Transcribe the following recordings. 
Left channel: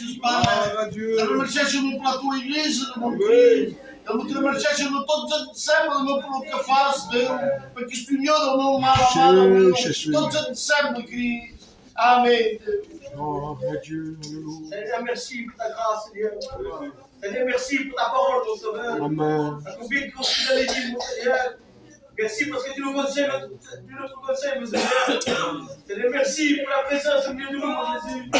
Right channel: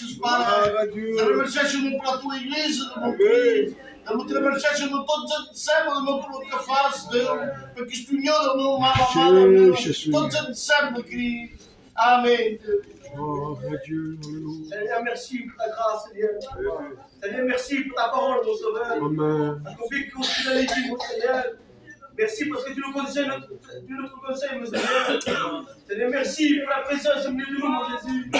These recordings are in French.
Jesus, Pai. Queremos ser no para a tua igreja, no meu Deus. Queremos ser no todos os sempre, no pelo que faz, Deus. Para que isto união do meu mal amado, todos os sempre, Cristo. Amém. Seigneur, merci pour ta grâce, Seigneur. Seigneur, merci pour ta parole, mon Sauveur. Amen. Accomplis que tu l'as dit, mon Seigneur. Merci parce que tu nous conseilles, mon Seigneur. Seigneur, merci pour la présence au milieu de nous, mon Jésus.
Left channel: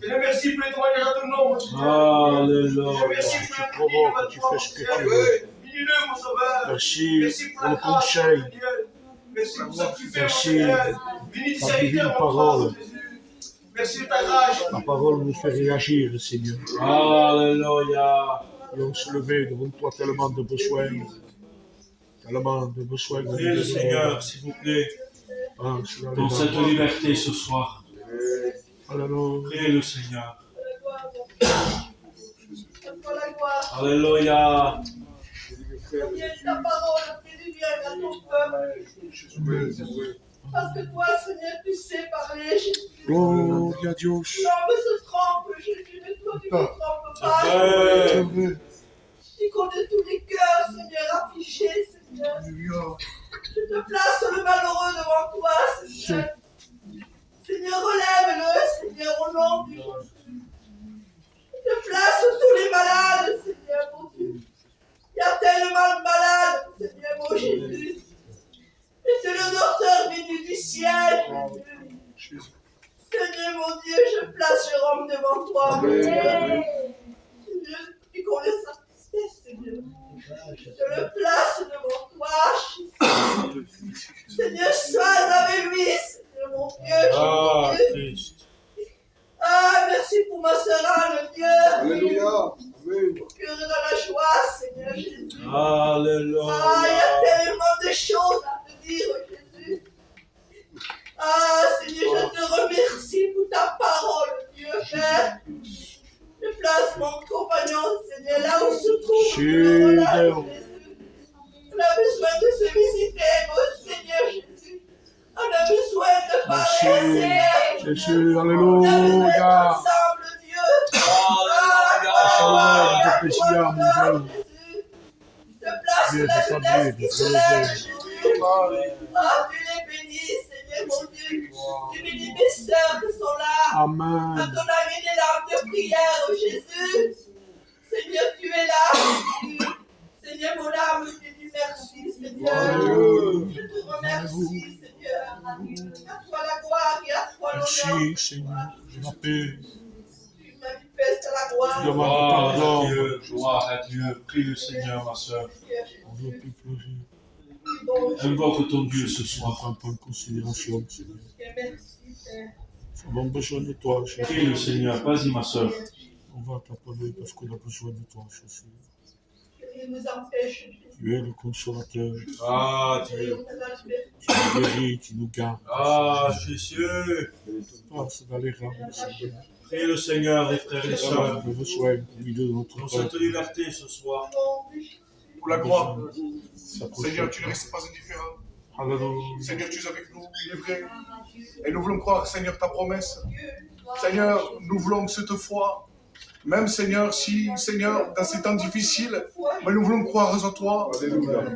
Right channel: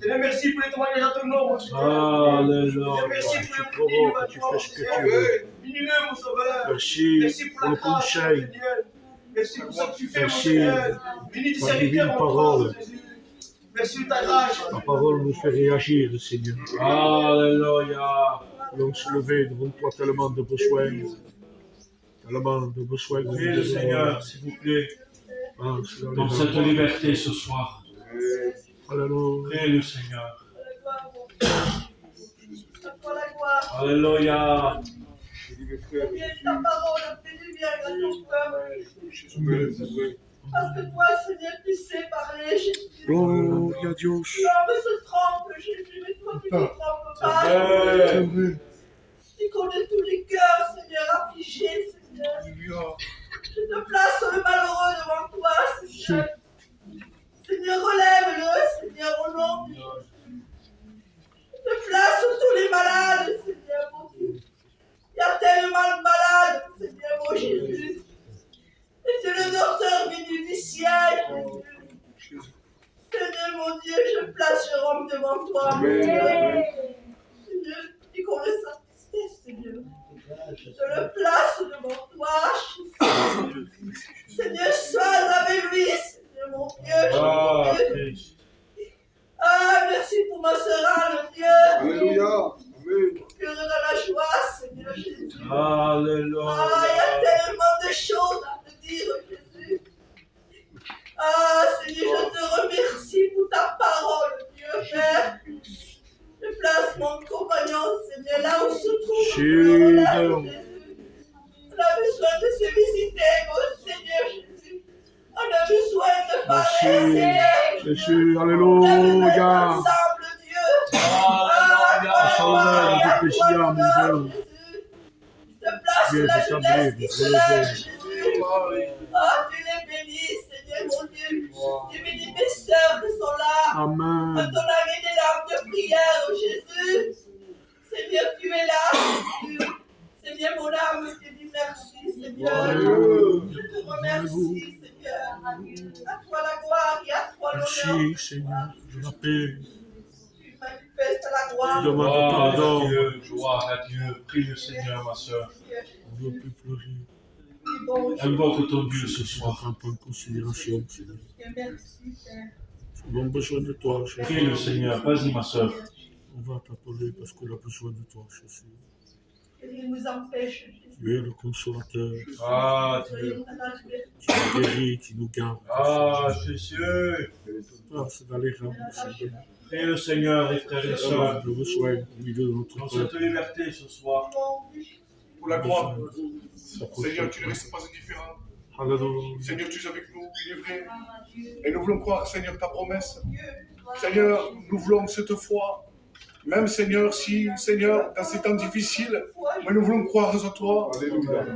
Seigneur, merci pour les témoignages à ton nom, mon Seigneur. Alléluia. Merci pour Tu le provoques, tu fais ce que tu veux. Bénis-le, mon Sauveur. Merci pour la pour le grâce, conseil. Seigneur. Merci pour ce que tu fais, mon Merci Seigneur. Bénis tes ta serviteurs, divine mon parole. Jésus. Merci de ta grâce. Ta parole nous fait réagir, Seigneur. Alléluia. Allons se lever devant toi tellement de besoins. Tellement de besoins. Priez le Seigneur, s'il vous plaît, Ah, dans cette liberté ce soir. Alléluia. Priez le Seigneur. Pour la gloire. Alléluia. Combien ta parole fait du bien à ton peuple. Parce que toi, Seigneur, tu sais parler, Jésus. Gloria a Dios. L'homme se trompe, Jésus, mais toi, tu ne te trompes pas. C'est vrai. Tu connais tous les cœurs, Seigneur, affligés, Seigneur. Je te place le malheureux devant toi, Seigneur. Seigneur, relève-le, Seigneur, au nom de Jésus. Je te place tous les malades, Seigneur, mon Dieu. Il y a tellement de malades, Seigneur, mon Jésus. Et c'est le docteur venu du ciel, Jésus. Seigneur, mon Dieu, je place Jérôme devant toi. Seigneur, tu connais sa tristesse, Seigneur. Je te le place devant toi, Jésus. Seigneur, sois avec lui, Seigneur, mon Dieu. Ah, Jésus. Christ. Ah, merci pour ma sœur Anne, Dieu. Alléluia. Amen. Cœur dans la joie, Seigneur Jésus. Alléluia. Ah, il y a tellement de choses à te dire, Jésus. Ah, Seigneur, je te remercie pour ta parole, Dieu Père. Je place mon compagnon, Seigneur, là où se trouve. Seigneur. Jésus. On a besoin de se visiter, mon Seigneur Jésus. On a besoin de parler, Seigneur. Jésus, On a besoin Alléluia. ensemble, Dieu. Salve de Pessia, mon Dieu. Je te place Viens la t'établir, jeunesse qui se lève, relever. Jésus. Ah, tu les bénis, Seigneur mon Dieu. Tu bénis mes sœurs qui sont là. Quand Amen. on a mis des larmes de prière, oh Jésus. Seigneur, tu es là. Seigneur, mon âme te dit merci, Seigneur. Je te remercie, Seigneur. À toi la gloire et à toi l'honneur. Merci, Seigneur, de la paix. Tu manifestes la gloire. Tu demandes Gloire à pardon. Dieu, gloire à Dieu. Prie le Seigneur, ma soeur. On ne veut plus pleurer. Tu es bon, Invoque ton Dieu ce Ne soir. prends pas en considération, Seigneur. merci, Père. Nous avons besoin de toi, Prie Jésus. le Seigneur. Vas-y, ma soeur. On va t'appeler parce qu'on a besoin de toi, Jésus. Que rien ne nous empêche, Jésus. Tu es le consolateur. Ah, Dieu. Soyons dans la liberté. Tu nous guéris, tu nous gardes. Ah, Jésus. Passe dans les rangs, Seigneur. Prie le Seigneur, les frères et Nous sœurs. avons besoin au milieu de notre Dans cette peuple. liberté ce soir. Pour la gloire. S'approcher Seigneur, de tu ne toi. restes pas indifférent. Alléluia. Seigneur, tu es avec nous, il est vrai. Et nous voulons croire, Seigneur, ta promesse. Seigneur, nous voulons cette foi. Même, Seigneur, si, Seigneur, dans ces temps difficiles, mais nous voulons croire en toi.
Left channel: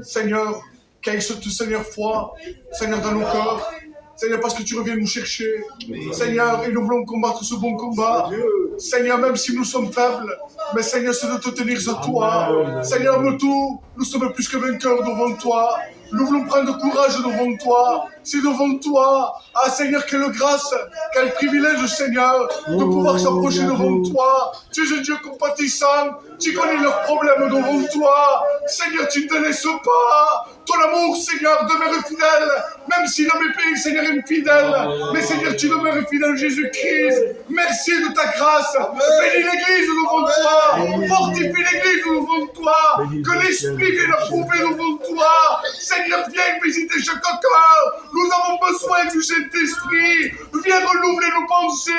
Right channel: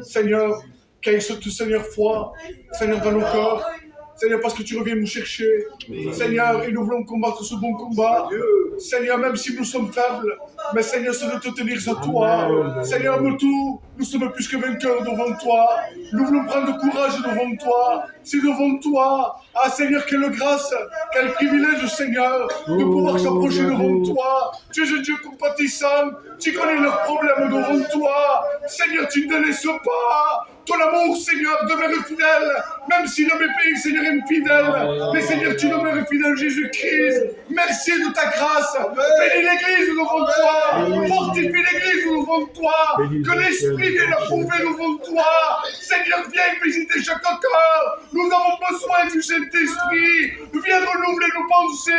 Seigneur, qu'il y ait cette, Seigneur, foi, Seigneur, dans nos cœurs. Seigneur, parce que tu reviens nous chercher. Seigneur, et nous voulons combattre ce bon combat. Seigneur, même si nous sommes faibles, mais Seigneur, c'est de te tenir à toi. Amen. Seigneur, nous sommes plus que vainqueurs devant toi. Nous voulons prendre courage devant toi. C'est devant toi. Ah Seigneur, quelle grâce, quel privilège, Seigneur, de pouvoir s'approcher devant toi. Tu es un Dieu compatissant. Tu connais leurs problèmes devant toi. Seigneur, tu ne te laisses pas. Ton amour, Seigneur, demeure fidèle. Même si l'homme est pays, Seigneur, est fidèle. Mais Seigneur, tu demeures fidèle, Jésus-Christ. Merci de ta grâce. Bénis l'Église devant toi. Fortifie l'Église devant toi. Que l'Esprit vienne approuver devant toi. Seigneur, viens visiter chaque cœur. Nous avons besoin du Saint-Esprit. Viens renouveler nos pensées.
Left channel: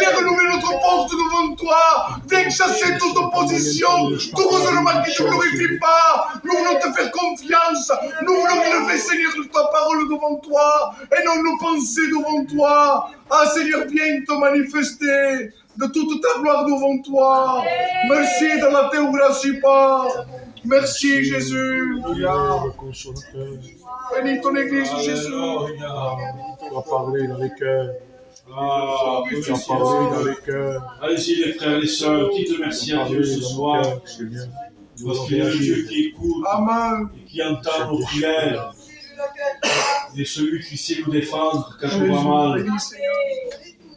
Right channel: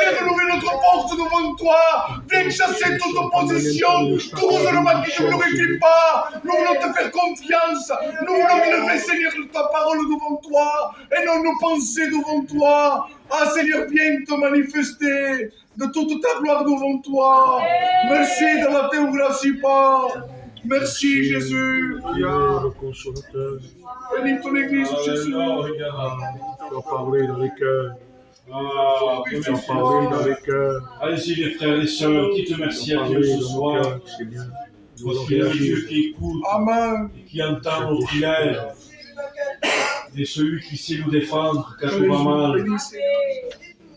Viens renouveler notre porte devant toi. Viens chasser toute opposition. Tout raisonnement qui ne te glorifie pas. Nous voulons te faire confiance. Nous voulons élever, Seigneur, ta parole devant toi. Et non nos pensées devant toi. Ah, Seigneur, viens te manifester. de toute ta gloire devant toi. Merci dans la terre où la suis pas. Merci Jésus. Tu es le consolateur. Bénis ton église Jésus. Alléluia. Tu as parlé dans les cœurs. Ah, Tu as merci, parlé dans Seigneur. les cœurs. Allez-y les frères et les sœurs, dites merci Tu as à Dieu parlé ce dans nos soir, cœurs, Seigneur. Nous parce allons qu'il est un Dieu réagir. qui écoute Amen. et qui entend nos prières. Il est celui qui sait nous défendre quand on va Jésus, mal. bénis Seigneur.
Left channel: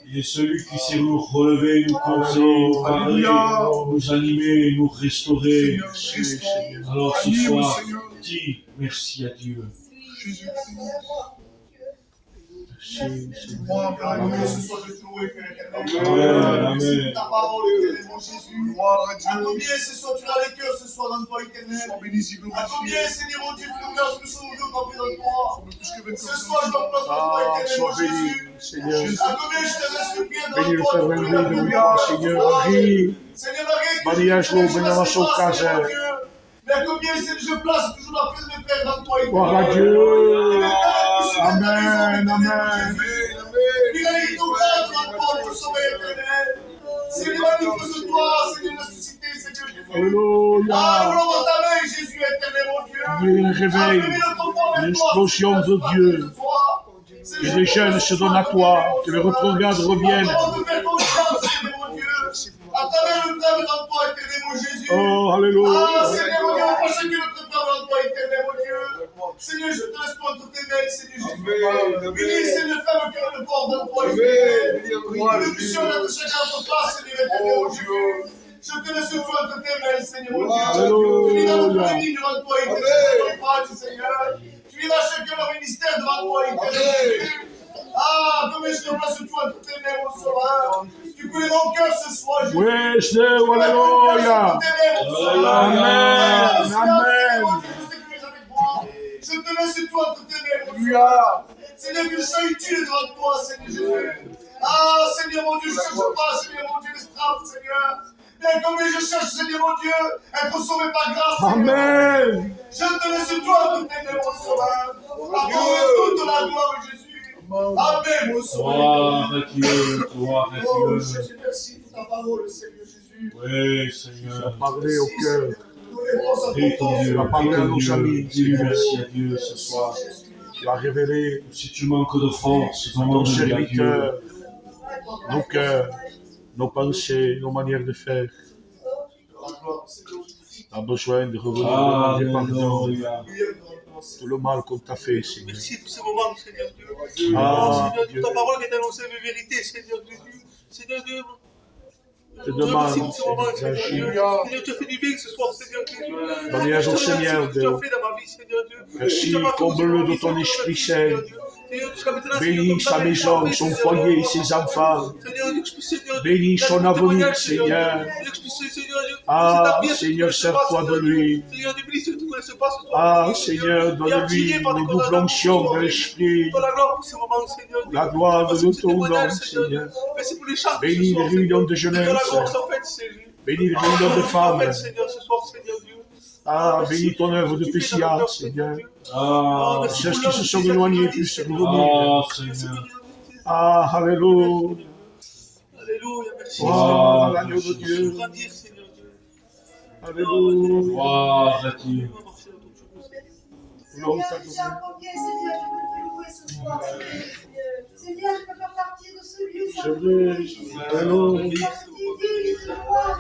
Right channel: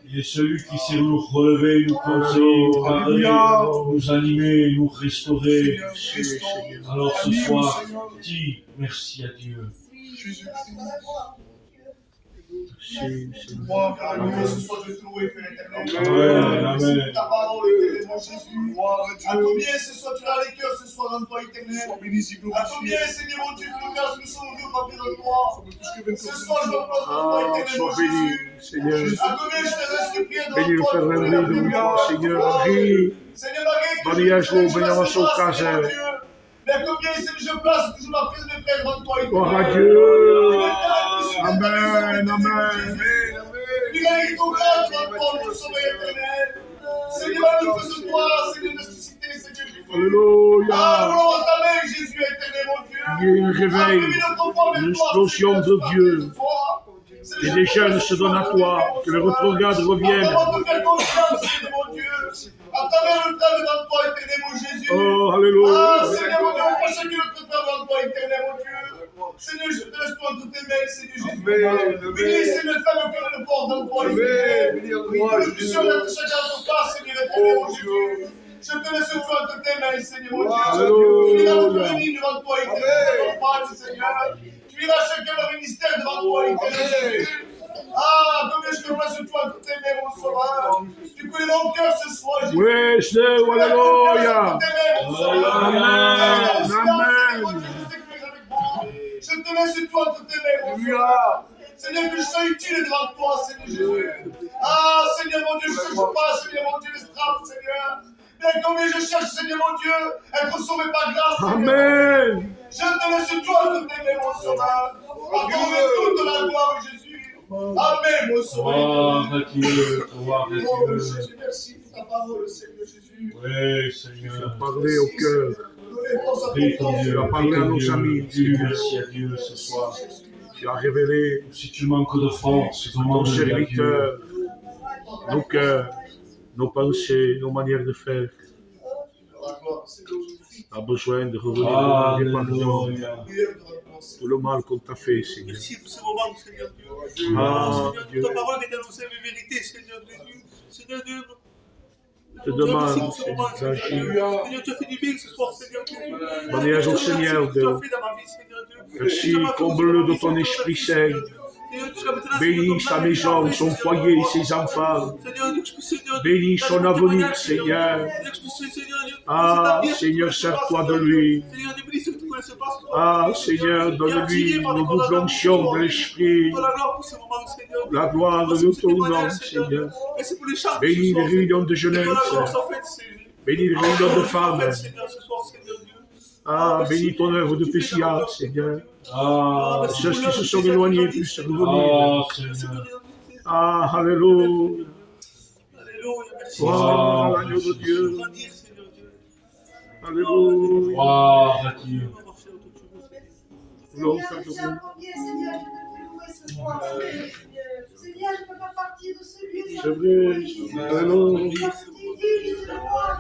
Il est celui qui sait nous relever, nous conseiller, nous parler, Alléluia. nous animer, nous restaurer. Seigneur, restaure. Alors ce Anime, soir, Seigneur. dis merci à Dieu. Jésus. Merci, Seigneur. Gloire à Alléluia, Dieu. ce soir, je te loue, Père éternel. Amen, amen. Ta parole, éternellement, Jésus. Gloire à À Dieu. combien ce soir tu as les cœurs ce soir dans toi, éternel. Sois béni et À glorifié. combien, Seigneur mon Dieu, nous grâce nous sommes venus parler dans toi. Plus que Ce vainqueur. soir, je me place dans toi, Ah, éternellement, sois béni, Jésus. Seigneur. À combien je te reste le pied devant Bénis le toi, Père tu Henri peux la devant prière, toi, tu Seigneur. peux la Henri, Seigneur, Marie, que Maria je Joe, te bénis laisse ma place, casa. Seigneur mon Dieu. Mais combien, Seigneur, je place toujours la prière de mes frères dans toi, gloire à éternel. Dieu. Amen, amen. Il a eu ton cœur devant toi pour sauver, éternel. Seigneur, nous faisons toi, Seigneur, ressuscité, Seigneur Jésus. Ah, Alléluia. nous voulons entamer, Jésus, éternel, mon Dieu. Il y a un réveil, une explosion de Dieu. Que des jeunes se donnent à toi, que le retrograde revienne. À travers le temps dans toi, éternel, mon Jésus. Oh, Ah, alléluia. Seigneur, mon Dieu, on prend chacun notre temps dans toi, éternel, mon Dieu. Seigneur, je te laisse toi entre tes mains, Seigneur Jésus. Bénis, Seigneur, fais le cœur et le corps dans toi, éternel. Nous puissions être chacun à notre place, Seigneur, éternel, mon Dieu. Je te laisse toi entre tes mains, Seigneur, mon Dieu. Tu viens notre famille devant toi, éternel, Seigneur. Tu viens chacun leur ministère devant toi, éternel. Ah, comme je te place toi entre tes mains, mon sauveur. Tu connais mon cœur ce soir, Jésus. Oui, Seigneur, alléluia. Amen, amen. Je te laisse toi entre tes mains, mon Dieu. Seigneur, que je sois utile devant toi, Seigneur Jésus. Ah, Seigneur mon Dieu, je ne cherche pas, Seigneur mon Dieu, les straps, Seigneur. Bien combien je cherche, Seigneur mon Dieu, être sauvé par grâce, Seigneur. Amen. Je te laisse toi entre tes mains, mon sauveur. Accorde toute la gloire, Jésus. Amen, mon sauveur. Gloire à Dieu, gloire à Oh, Dieu. Jésus, merci pour ta parole, Seigneur Jésus. Oui, Tu as Seigneur. parlé au cœur. Prie ton Dieu, Tu as parlé prie à ton nos Dieu. amis. Dis-lui merci à Dieu ce soir. Tu as révélé Si tu manques de force, à ton demande à Dieu. serviteur nos cœurs, nos pensées, nos manières de faire. On a besoin de revenir demander pardon. Alléluia. Tout le mal qu'on t'a fait, Seigneur. Merci pour ce moment, Seigneur Dieu. Ah, Seigneur, Dieu. ta parole est annoncée avec vérité, Seigneur Jésus. Seigneur Dieu, Je te demande, merci pour ce moment, Seigneur Dieu. Seigneur. Seigneur, tu as fait du bien ce soir, Seigneur Jésus. Mariage au Seigneur, Merci pour ce que tu Dieu. as fait dans ma vie, Seigneur Dieu. Merci, Tu n'as pas fait comble-le pour de ma ton vie, Esprit Seigneur Saint. Dieu. Seigneur, jusqu'à maintenant, Bénis Seigneur, sa comme jamais maison, tu l'as son fait, foyer, Seigneur. ses enfants. Seigneur, que je puisse, Seigneur Dieu, Bénis faire son mon avenir, témoignage, Seigneur. Seigneur, que je puisse, Seigneur Dieu, Ah, c'est ta vie, Seigneur, que tu ne connaisses sers-toi pas, de Seigneur Dieu. lui. Seigneur, bénis ceux que tu ne connaisses pas, ce soir. Ah, Seigneur, donne-lui une double onction de l'Esprit, Pour la gloire pour ce moment, Seigneur. la gloire Merci de pour ce ton nom, témoignage, Seigneur. Merci pour les chants de Bénis ce les soir, réunions Seigneur. de Que la jeunesse. gloire soit faite, Seigneur. Bénis les réunions de Que la gloire soit femmes. faite, Seigneur, ce soir, Seigneur Dieu. Ah, Merci bénis ton œuvre de pour ce que tu fais dans Pessia, notre cœur, Seigneur. Ah, merci Ceux pour qui l'œuvre se que sont tu as éloignés réalisée, puissent Seigneur. revenir. ah, Merci Seigneur. pour les- Ah, alléluia. Alléluia, merci. Gloire Ah, à l'agneau de Dieu. Grandir, Seigneur Dieu. Alléluia. Gloire à Dieu. On va marcher autour de nous. Non, Seigneur, t'as je tiens combien, Seigneur, je veux te louer ce soir. Seigneur, je ne peux pas partir de ce lieu sans C'est te louer, vrai. Jésus. Alléluia. Parce que tu dis, je te loue,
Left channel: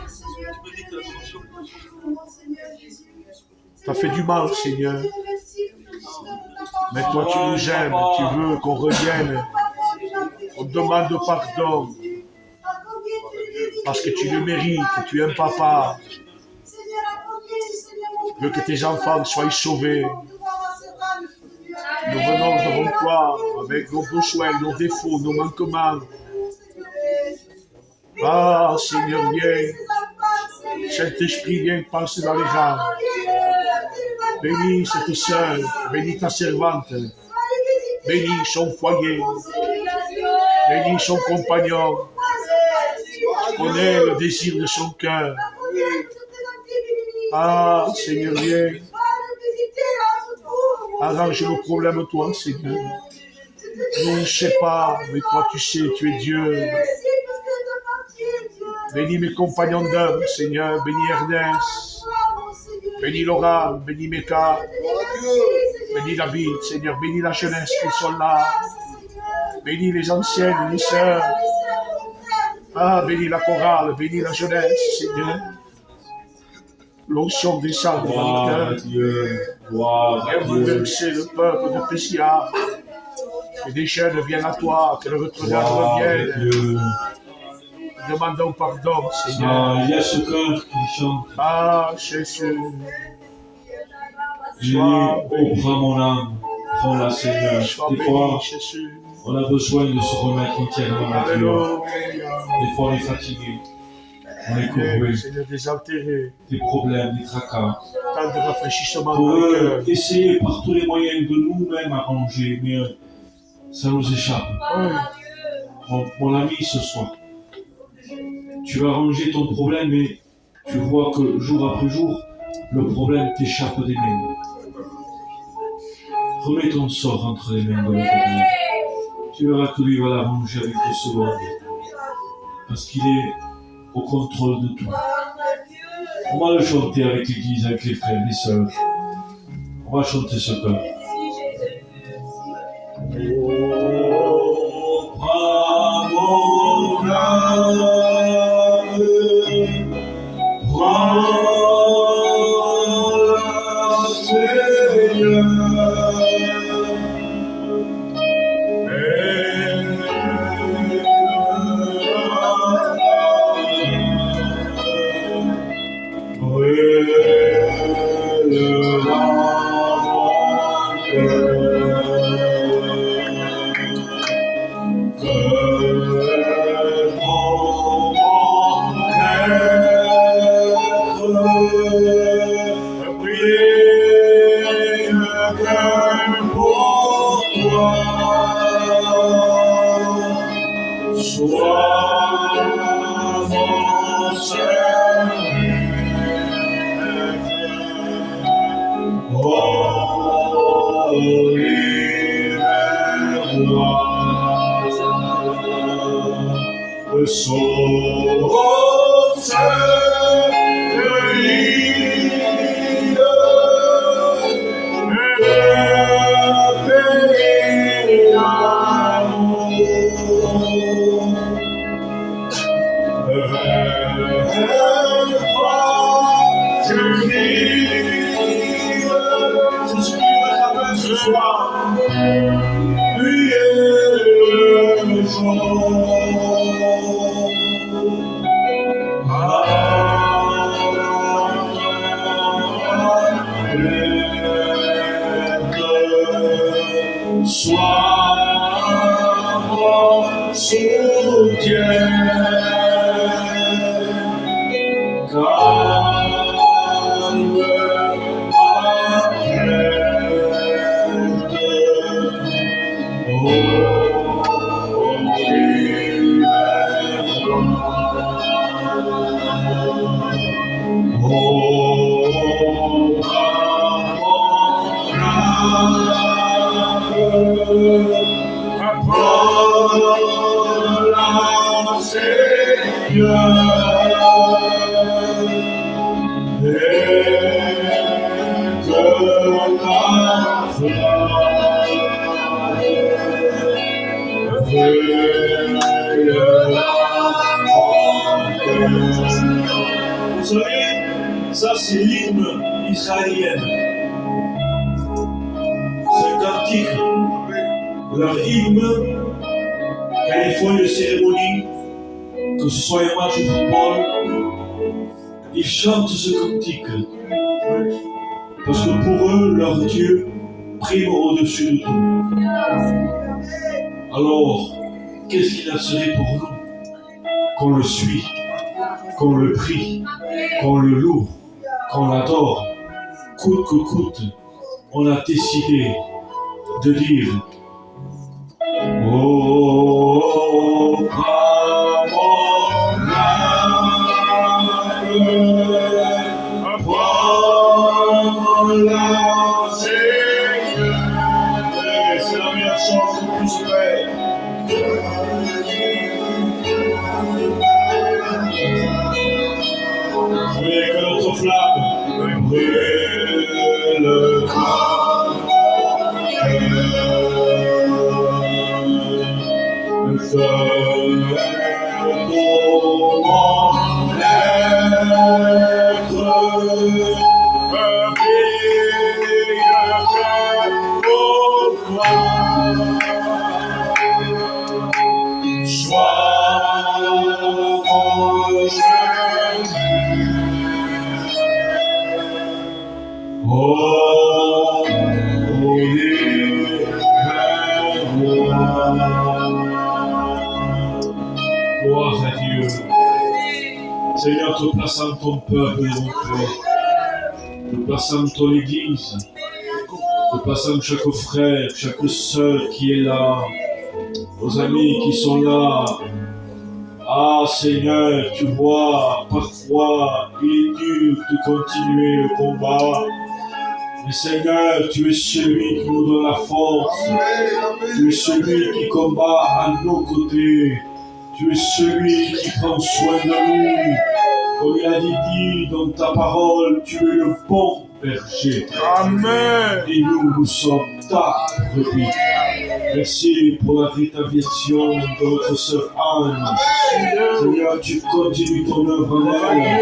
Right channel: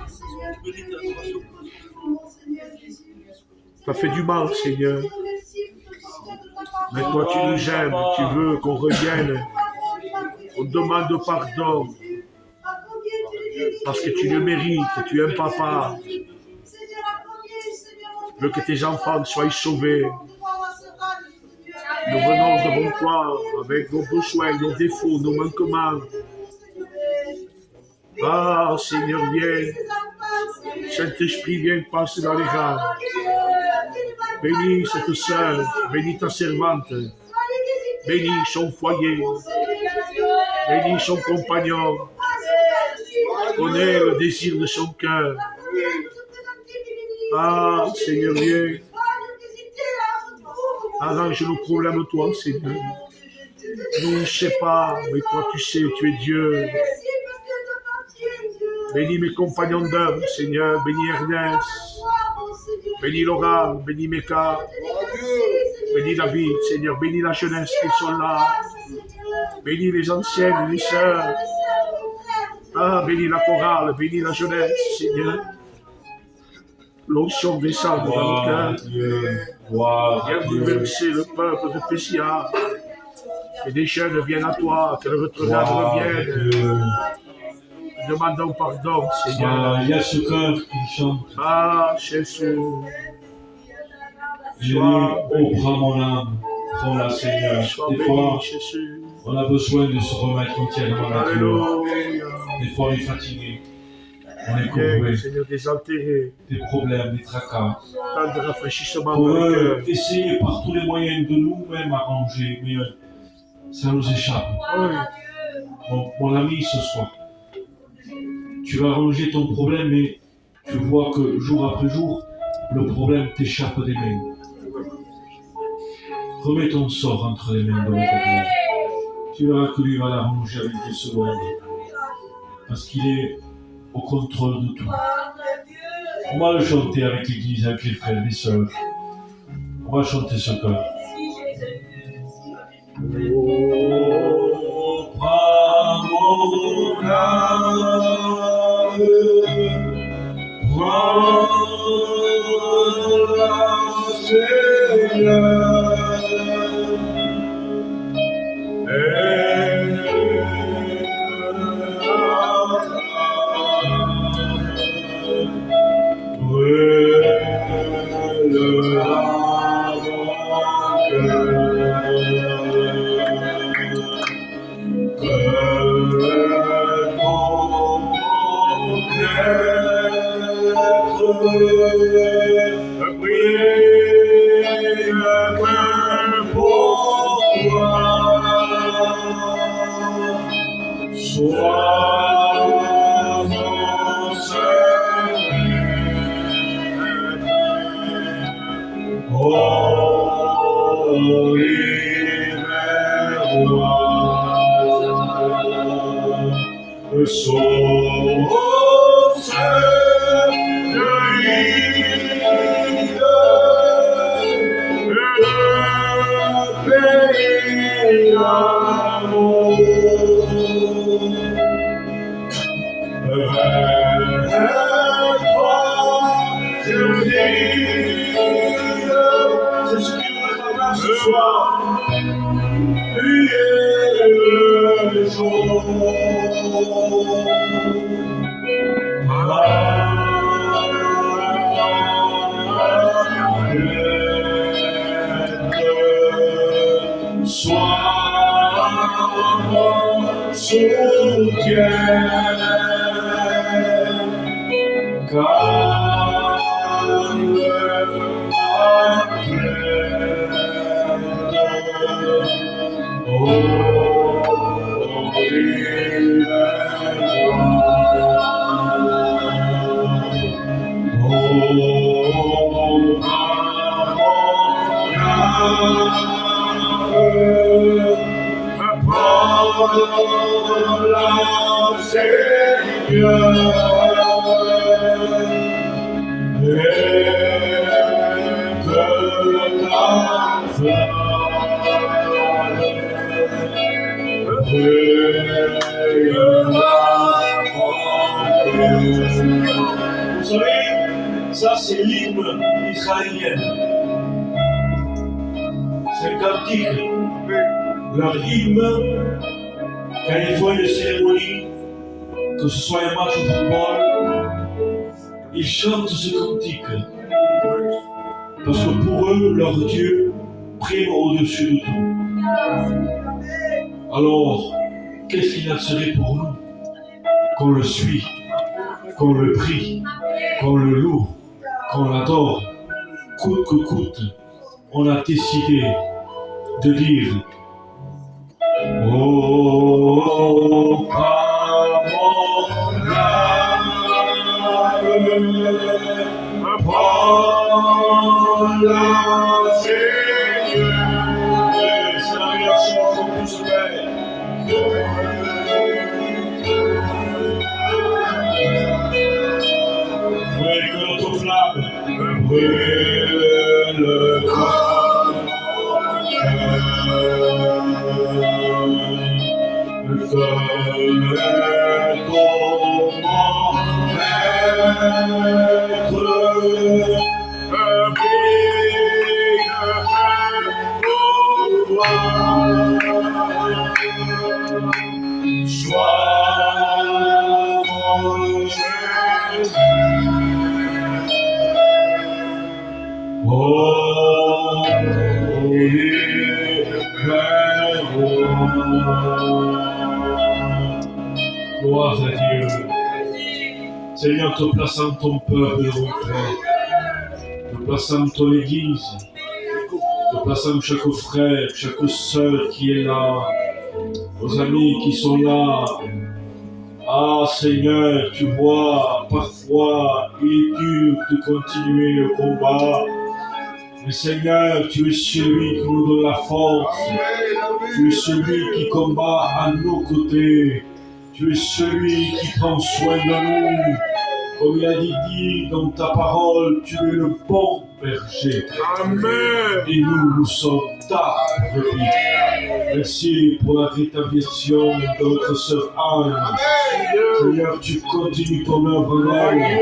Seigneur, tu te mérites toujours, mon Seigneur Jésus. T'as fait du mal, Seigneur. Je te remercie pour le porteur de ta parole. Mais toi, tu nous aimes, tu veux qu'on revienne, qu'on demande pardon, parce que tu le mérites, tu es un papa. Tu veux que tes enfants soient sauvés. Nous venons devant toi avec nos besoins, nos défauts, nos manquements. Ah, Seigneur, viens. Saint-Esprit, viens passer dans les rangs. Bénis cette sœur, bénis ta servante. Bénis son foyer, bénis son compagnon. Connais le désir de son cœur. Ah, Seigneur, viens. Arrange nos problèmes, toi, Seigneur. Nous, je ne sais pas, mais toi, tu sais, tu es Dieu. Bénis mes compagnons d'œuvre, Seigneur. Bénis Ernest. Bénis Laura. Bénis Meka. Bénis David, Seigneur. Bénis la jeunesse qui sont là. Bénis les anciennes, les sœurs. Ah, bénis la chorale. Bénis la jeunesse, Seigneur. L'onction descend dans le cœur. Dieu, gloire Viens à Dieu, bouleverser le peuple de Pessia. Et des jeunes viennent à toi, que le regard gloire à revienne. Dieu. Demandons pardon, Seigneur. Ah, il y a ce cœur qui chante. Ah, Jésus. Je dis, oh, prends mon âme, prends-la, Seigneur. Sois Des fois, béni, Jésus. on a besoin de se remettre entièrement à Dieu. Alléluia. Des fois, on est fatigué, on est Viens, courbé, Seigneur, désaltérer. des problèmes, des tracas. Tant de rafraîchissement Pour dans le eux, cœur. essayer par tous les moyens de nous-mêmes arranger, mais ça nous échappe. Oui. Mon ami, ce soir, tu vas arranger ton problème, mais tu vois que jour après jour, le problème t'échappe des mains. Remets ton sort entre les mains de l'Éternel. Tu verras que lui va l'arranger avec 2 secondes. Parce qu'il est au contrôle de tout. On va le chanter avec l'église, avec les frères, les sœurs. On va chanter ce chœur. Oh, prends mon âme, prends-la, Seigneur. C'est ce qu'il va faire ce soir. Lui est le jour. Sois mon soutien, calme ma plainte. Oh, vous savez, ça c'est l'hymne israélien. C'est un cantique. Leur hymne, quand ils font une cérémonie, que ce soit un match de football, ils chantent ce cantique. Parce que pour eux, leur Dieu prime au-dessus de tout. Alors, qu'est-ce qu'il en serait pour nous qu'on le suit, qu'on le prie, qu'on le loue, qu'on l'adore, coûte que coûte, on a décidé de dire oh, prends mon âme, prends-la, Seigneur. C'est la meilleure chose qu'on puisse faire. Gloire à Dieu. Seigneur, te plaçant ton peuple devant toi, te plaçant ton église, te plaçant chaque frère, chaque sœur qui est là, nos amis qui sont là. Ah Seigneur, tu vois, parfois il est dur de continuer le combat. Mais Seigneur, tu es celui qui nous donne la force. Tu es celui qui combat à nos côtés. Tu es celui qui prend soin de nous. Comme il a dit dans ta parole, tu es le bon berger. Amen. Et nous sommes ta brebis. Merci pour la rétablissement de notre sœur Anne. Seigneur, tu continues ton œuvre en elle.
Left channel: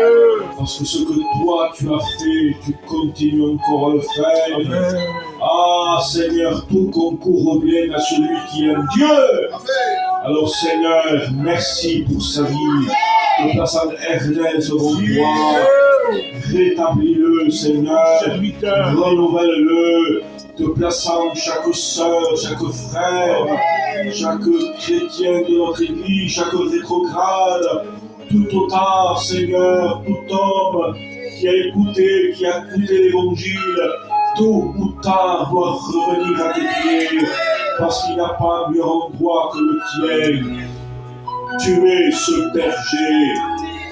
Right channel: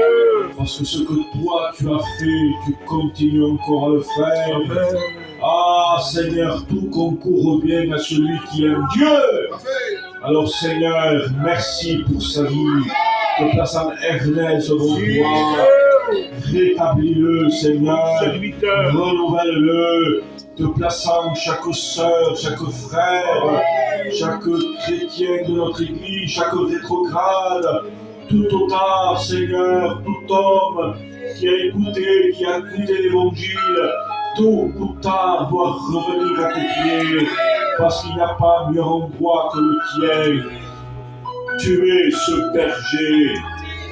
Parce que ce que toi tu as fait, tu continues encore à le faire. Amen. Ah Seigneur, tout concourt au bien à celui qui aime Dieu. Alors Seigneur, merci pour sa vie. Te plaçant Ernest devant toi. Rétablis-le Seigneur. Serviteur. Renouvelle-le. Te plaçant chaque sœur, chaque frère, chaque chrétien de notre église, chaque rétrograde. Tout autant, Seigneur, tout homme qui a écouté l'évangile, tout ou tard doit revenir à tes pieds, parce qu'il n'y a pas mieux endroit que le tien. Tu es ce berger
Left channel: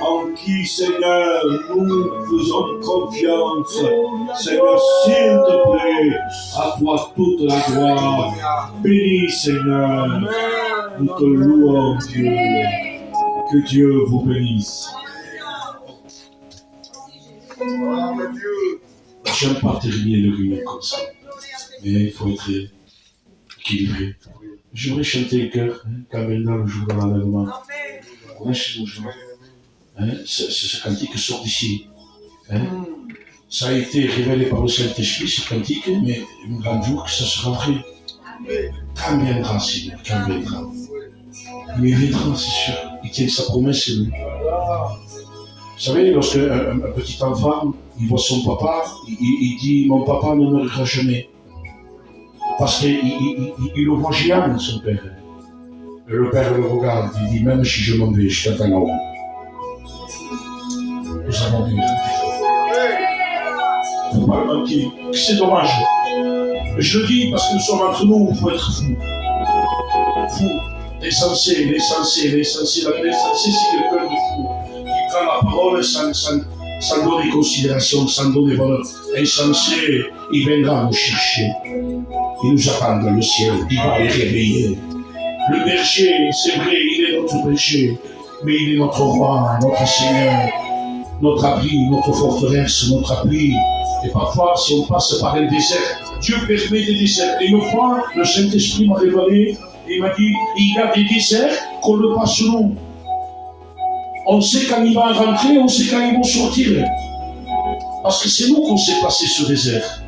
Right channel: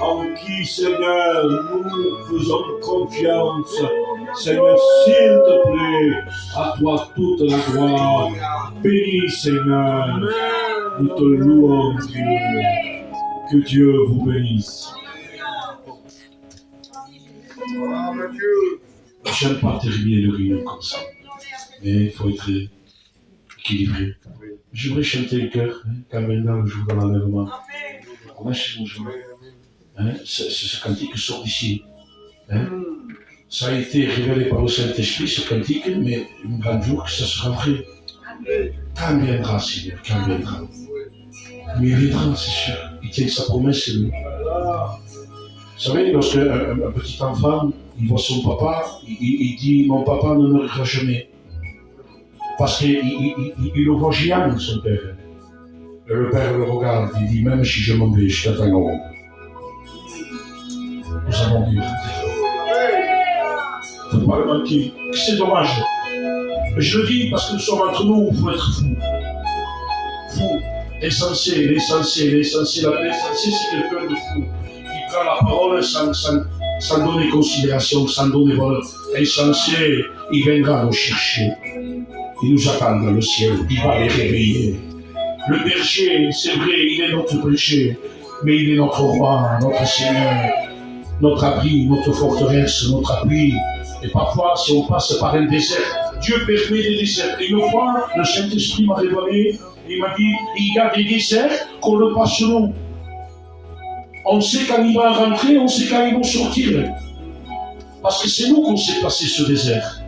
en qui, Seigneur, nous faisons confiance. Seigneur, s'il te plaît, à toi toute la gloire. Bénis, Seigneur, nous te louons, Dieu. Que Dieu vous bénisse. J'aime pas terminer le rire comme ça, mais il faut être équilibré. J'aimerais chanter un cœur, quand maintenant le jour de l'enlèvement. Comment ce cantique sort d'ici. Ça a été révélé par le Saint-Esprit, ce cantique, mais un grand jour que ça sera vrai. Quand viendra, Seigneur, quand viendra. Mais il viendra, c'est sûr. Il tient sa promesse, lui. Vous savez, lorsque un petit enfant, il voit son papa, il dit « Mon papa ne mourra jamais ». Parce qu'il le voit géant, son père. Et le père le regarde, il dit « Même si je m'en vais, je t'attends en haut ». Nous avons vu. Il ne faut pas le manquer. C'est dommage. Mais je le dis parce que nous sommes entre nous, il faut être fou. Fou. L'essentiel, c'est quelqu'un de fou. Qui prend la parole sans donner considération, sans donner valeur. L'essentiel, il viendra nous chercher. Il nous attend dans le ciel, il va les réveiller. Le berger, c'est vrai, il est notre berger, mais il est notre roi, notre Seigneur, notre abri, notre forteresse, notre appui. Et parfois, si on passe par un désert, Dieu permet des déserts. Et une fois, le Saint-Esprit m'a révélé, il m'a dit, il y a des déserts qu'on le passe long. On sait quand il va rentrer, on sait quand ils vont sortir. Parce que c'est nous qu'on sait passer ce désert.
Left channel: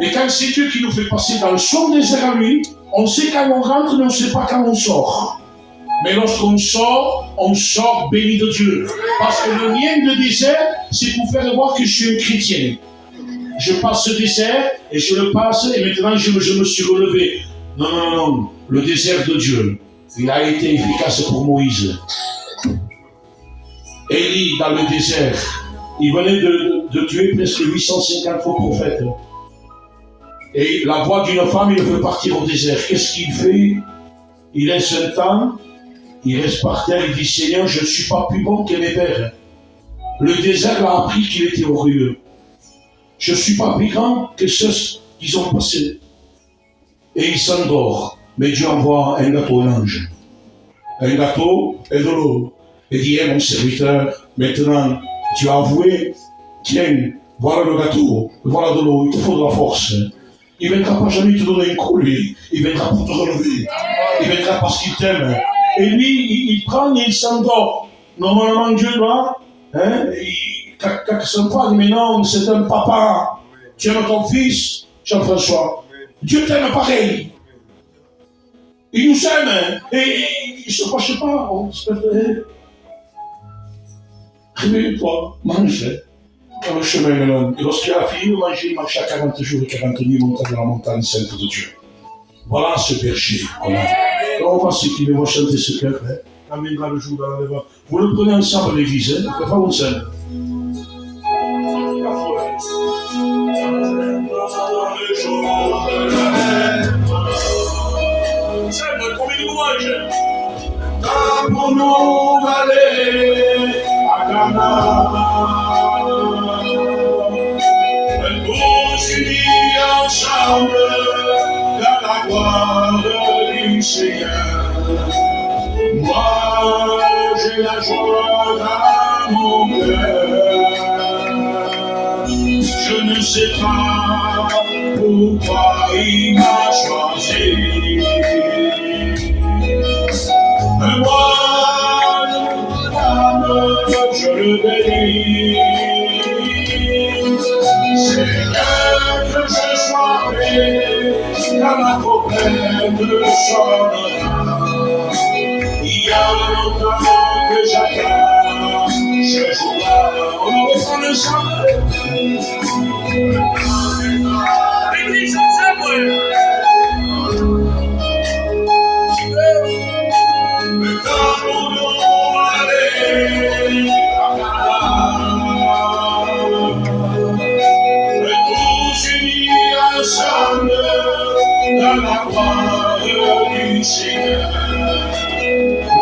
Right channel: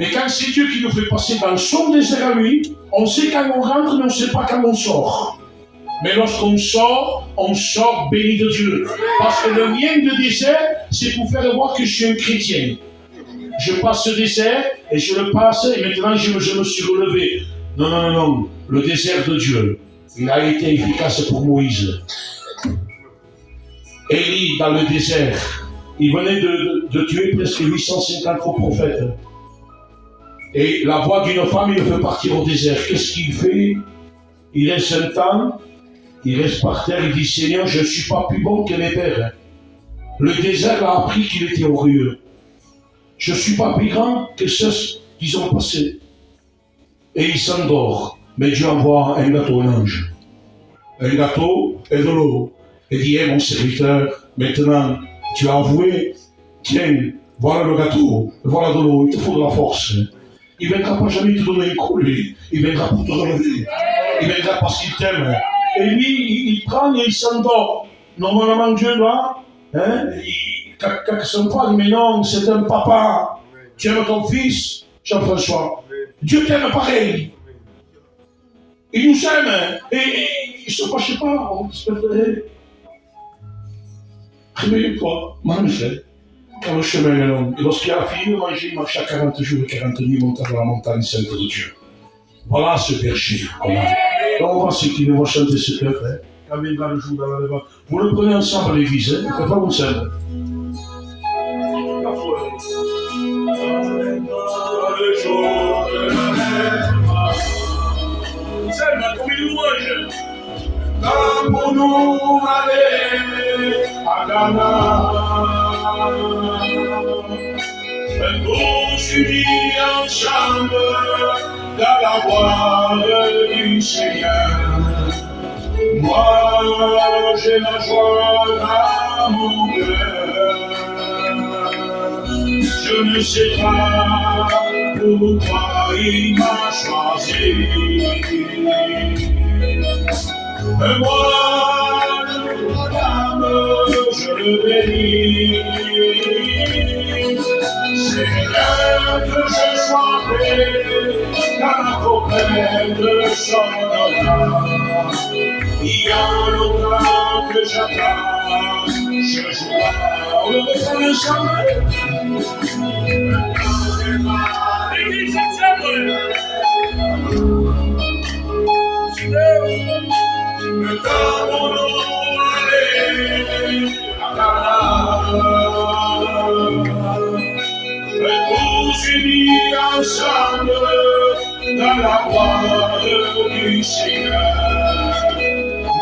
Mais quand c'est Dieu qui nous fait passer dans son désert à lui, on sait quand on rentre, mais on ne sait pas quand on sort. Mais lorsqu'on sort béni de Dieu. Parce que le mien de désert, c'est pour faire voir que je suis un chrétien. Je passe ce désert, et je le passe, et maintenant je me suis relevé. Non. Le désert de Dieu, il a été efficace pour Moïse. Élie, dans le désert, il venait de tuer presque 850 faux prophètes. Et la voix d'une femme, il le fait partir au désert. Qu'est-ce qu'il fait? Il laisse un temps, il reste par terre, il dit, Seigneur, je ne suis pas plus bon que mes pères. Le désert l'a appris qu'il était orgueilleux. Je ne suis pas plus grand que ceux qu'ils ont passé. Et il s'endort. Mais Dieu envoie un gâteau, un ange. Un gâteau et de l'eau. Et dit, mon serviteur, maintenant, tu as avoué, tiens, Voilà le gâteau, voilà de l'eau, il te faut de la force. Il ne viendra pas jamais te donner un coup, lui. Il viendra pour te relever. Il viendra parce qu'il t'aime. Et lui, il prend et il s'endort. Normalement, Dieu, là, hein, quand son père dit, mais non, c'est un papa. Tu aimes ton fils, Jean-François. Dieu t'aime pareil. Il nous aime. Hein, et il ne se fâche pas. On se fait. Réveille-toi, mange. Le chemin est long. Et lorsqu'il a fini de manger, il marchait à 40 jours et 40 nuits montant dans la montagne sainte de Dieu. Voilà ce berger qu'on a. Donc on va s'incliner, on va chanter ce cœur. Hein. Quand viendra le jour de la lèvre. Vous le prenez ensemble à l'église, hein. Vous pouvez faire ensemble. Le jour de la lèvre. Ensemble, comme une louange. Quand pour nous aller à Ghana. Unis ensemble dans la gloire du Seigneur. Moi, j'ai la joie dans mon cœur. Je ne sais pas pourquoi il m'a choisi. Mais moi, mon âme, je le bénis. Quand la problème sonnera, il y a longtemps que j'attends, je jouerai, on le reprend ensemble. L'église ensemble. Le temps pour nous aller à Canada, tous unis ensemble. Dans la gloire du Seigneur,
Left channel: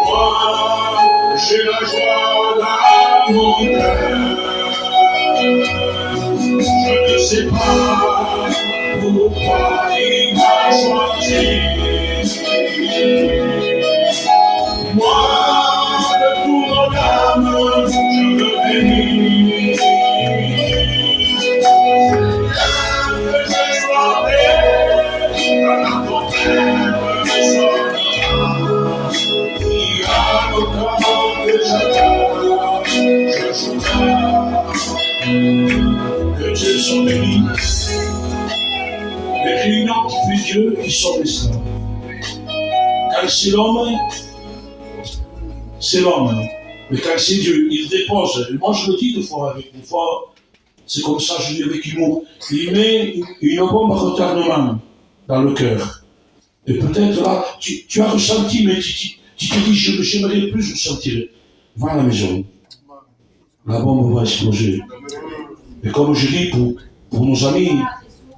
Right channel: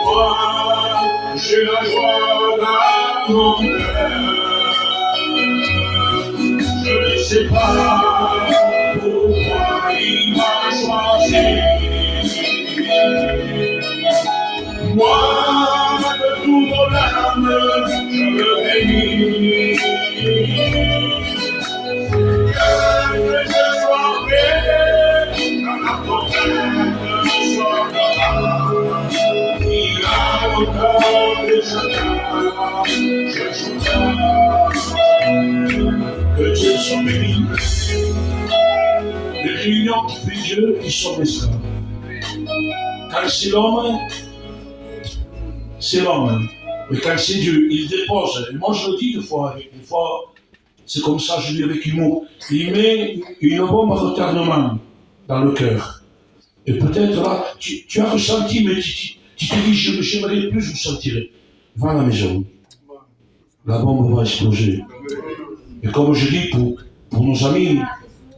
moi j'ai la joie dans mon cœur. Je ne sais pas pourquoi il m'a choisi. Moi de tout mon âme, je le bénis. Que Dieu soit béni. Les réunions qui fait Dieu, qui sont restreintes. Quand c'est l'homme, c'est l'homme. Mais quand c'est Dieu, il dépose. Et moi je le dis deux fois, c'est comme ça, je dis avec humour. Il met une bombe à retardement dans le cœur. Et peut-être là, tu as ressenti, mais tu t'es dit, j'aimerais plus ressentir. Va à la maison. La bombe va exploser. Et comme je dis pour nos amis,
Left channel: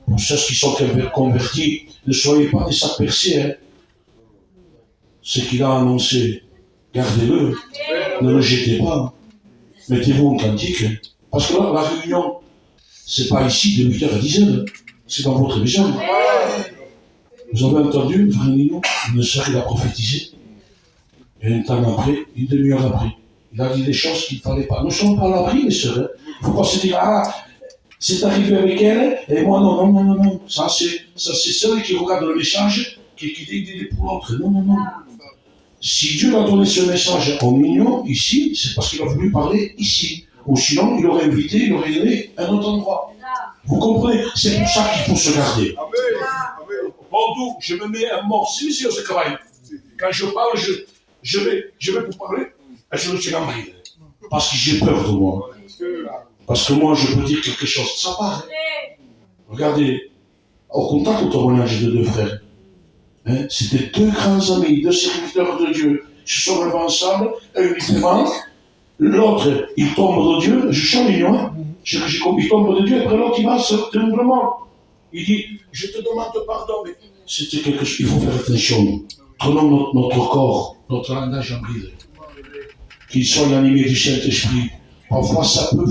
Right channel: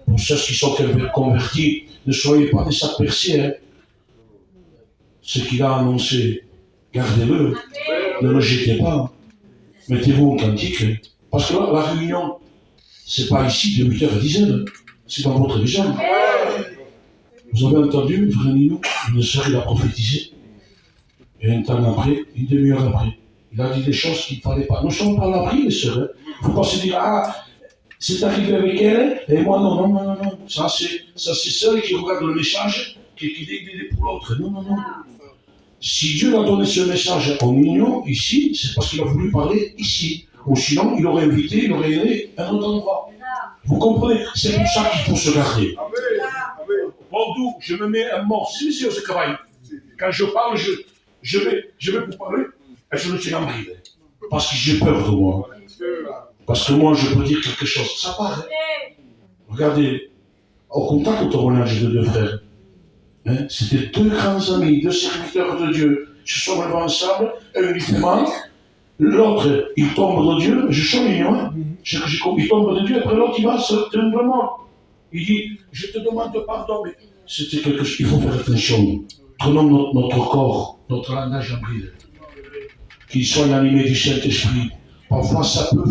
pour ceux qui sont convertis, ne soyez pas des sacs percés. Hein. Ce qu'il a annoncé, gardez-le. Ne le jetez pas. Mettez-vous en cantique. Parce que là, la réunion, c'est pas ici de 8h à 10h. C'est dans votre maison. Vous avez entendu, frère Nino, une sœur, il a prophétisé. Et un temps après, une demi-heure après, il a dit des choses qu'il ne fallait pas. Nous sommes pas à l'abri, mes sœurs. Il ne faut pas se dire, ah, c'est arrivé avec elle, et moi, non. Ça, c'est celle qui regarde le message, qui dit pour l'autre. Non. Si Dieu a donné ce message au mignon, ici, c'est parce qu'il a voulu parler ici. Ou sinon, il aurait invité, il aurait aimé un autre endroit. Vous comprenez? C'est pour ça qu'il faut se garder. Bordeaux, je me mets un mort silencieux ce travail. Quand je parle, je vais vous parler, et je me tiens en bride. Parce que j'ai peur de moi. Parce que moi, je peux dire quelque chose. Ça part. Hein? Regardez, au contact au témoignage de deux frères. Hein? C'était deux grands amis, deux serviteurs de Dieu. Ils se sont levés ensemble, un uniquement. L'autre, il tombe de Dieu. Je suis mignon, hein? Il tombe de Dieu, après l'autre, il va simplement. Il dit, je te demande pardon, mais c'était quelque chose. Il faut faire attention. Prenons notre corps, notre langage en bride. Qu'il soit animé du Saint-Esprit. Parfois, ça peut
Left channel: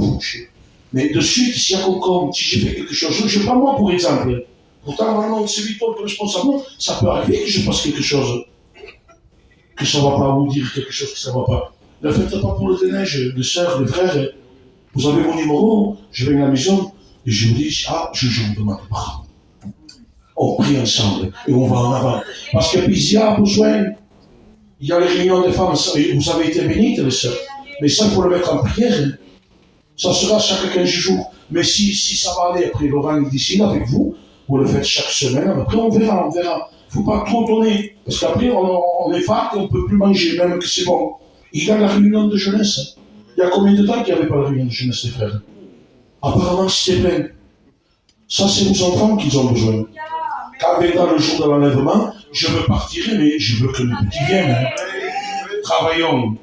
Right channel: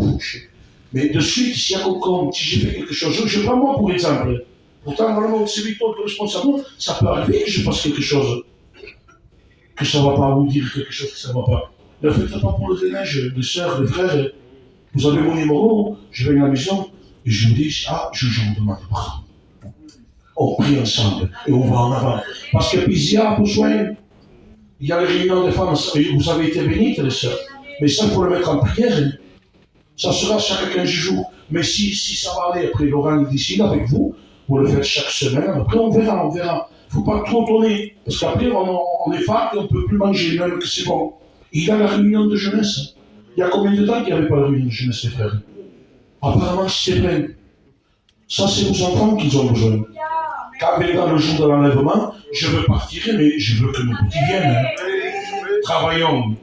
faucher. Mais de suite, s'il y a quelqu'un, si j'ai fait quelque chose, je prends moi pour exemple. Pourtant, normalement, c'est lui le responsable. Ça peut arriver que je fasse quelque chose. Que ça ne va pas, vous dire quelque chose que ça ne va pas. Ne faites pas pour le déneige, les sœurs, les frères. Vous avez mon numéro, je vais à la maison et je vous dis, ah, je vous demande pardon. On prie ensemble et on va en avant. Parce que puis il y a besoin, il y a les réunions de femmes, vous avez été bénites les sœurs, mais ça il faut le mettre en prière. Hein. Ça sera chaque 15 jours. Mais si ça va aller après Laurent d'ici avec vous, vous le faites chaque semaine, après on verra. Il ne faut pas trop tourner, parce qu'après on est fat et on ne peut plus manger, même que c'est bon. Il y a la réunion de jeunesse. Il y a combien de temps qu'il n'y avait pas la réunion de jeunesse, les frères? Apparemment, c'est plein. Ça, c'est aux enfants qu'ils ont besoin. Quand viendra le jour de l'enlèvement, je veux partir, mais je veux que mes petits viennent. Hein. Travaillons.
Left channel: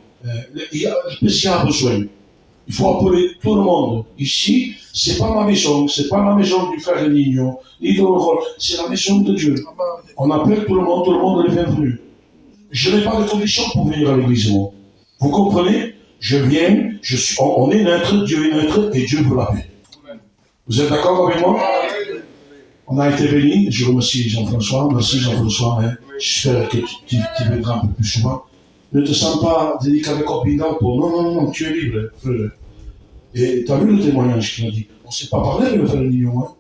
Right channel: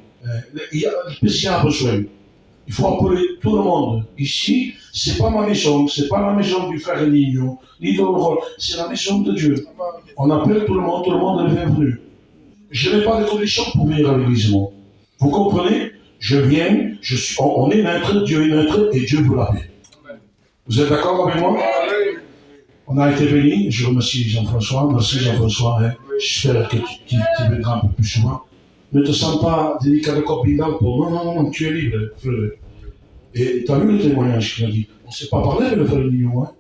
Il y a besoin. Il faut appeler tout le monde. Ici, c'est pas ma maison, c'est pas la maison du frère Nino, ni de Laurent, c'est la maison de Dieu. On appelle tout le monde est bienvenu. Je n'ai pas de conditions pour venir à l'église. Vous comprenez? Je viens, on est neutre, Dieu est neutre et Dieu veut la paix. Vous êtes d'accord avec moi? On a été bénis, je remercie Jean-François, merci Jean-François, hein. J'espère que tu viendras un peu plus souvent. Ne te sens pas délicat pour non, tu es libre, frère. Et tu as vu le témoignage qu'il a dit? On ne s'est pas parlé, le frère Nignon, hein,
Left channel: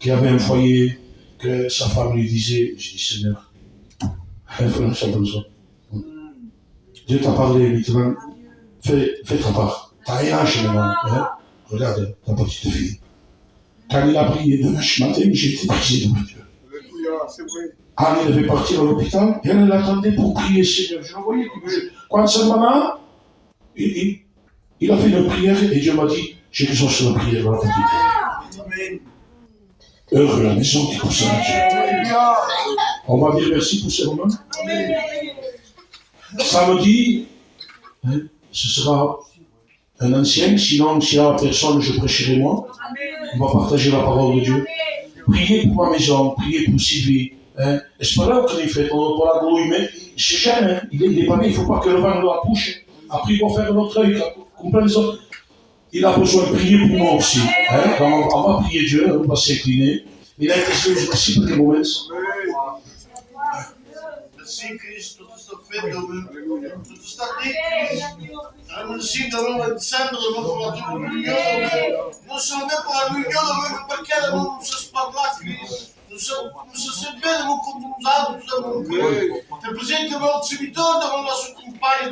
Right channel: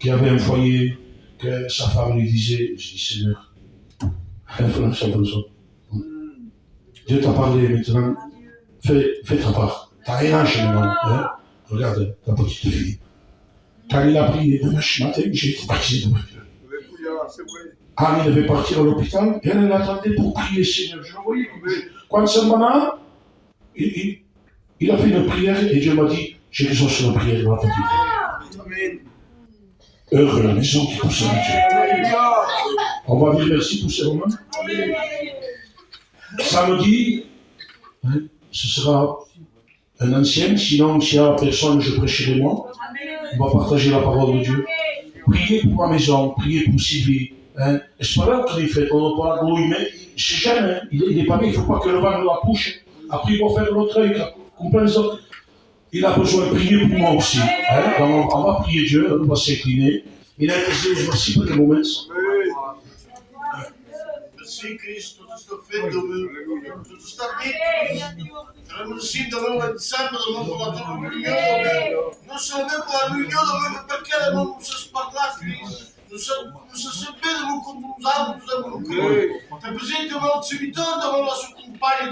qui avait un foyer, que sa femme lui disait, je dis Seigneur, frère Jean-François, Dieu t'a parlé maintenant, fais ta part. T'as un âge maintenant, hein? Regarde ta petite fille. Quand il a prié dimanche matin, j'ai été brisé devant Dieu. Ali devait partir à l'hôpital, elle attendait pour prier Seigneur. Je le voyais qui bougeait. Quand c'est maman, il a fait une prière et Dieu m'a dit, j'ai exaucé la prière de la petite. Amen. Heureux la maison qui pousse à Dieu. On va dire merci pour ces moments. Samedi, hein, ce sera un ancien, sinon s'il n'y a personne, je prêcherai moi. On va partager la parole de Dieu. Priez pour ma maison, priez pour Sylvie. Hein. C'est pas là qu'on est fait, on va pas la mais c'est jeune, hein. Il est pas bien, il ne faut pas que le vent le accouche. Après, il va faire l'autre œil, comprends les autres. Il a besoin de prier pour moi aussi. Hein. On va prier Dieu, on va s'incliner. Il a été merci pour les moments. Merci Christ, tot is toch vet door u. Tot is dat niet. En we zien dat we met samen de mogen laten reunion. Nous sommes même pour la réunion, parce qu'elle nous se parle là, Christ. Nous sommes bien, nous continuons, nous avons cru. Te presente mon servitore, devant la sua compagna,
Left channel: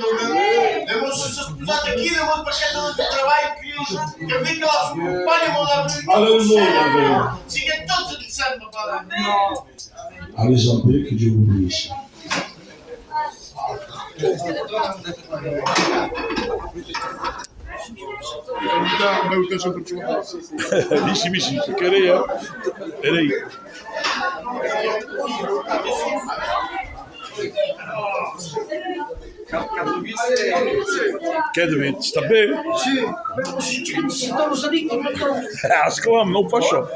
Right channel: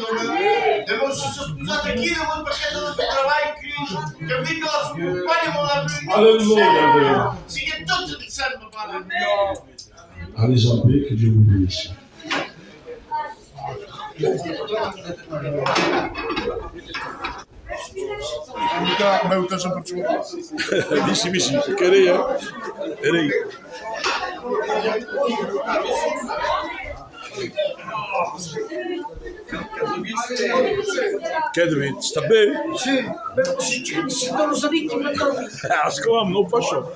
devant se scusate chi, devant perché dove travail, Christ. Che venga la sua compagna, mon la réunion. Alléluia. Si che tutto ti serve, Padre. Allez en paix, que Dieu vous bénisse. Misi, querer, hein? Kedvin, sta bene? Sì, sono lì che mi Ascolta, non faccio.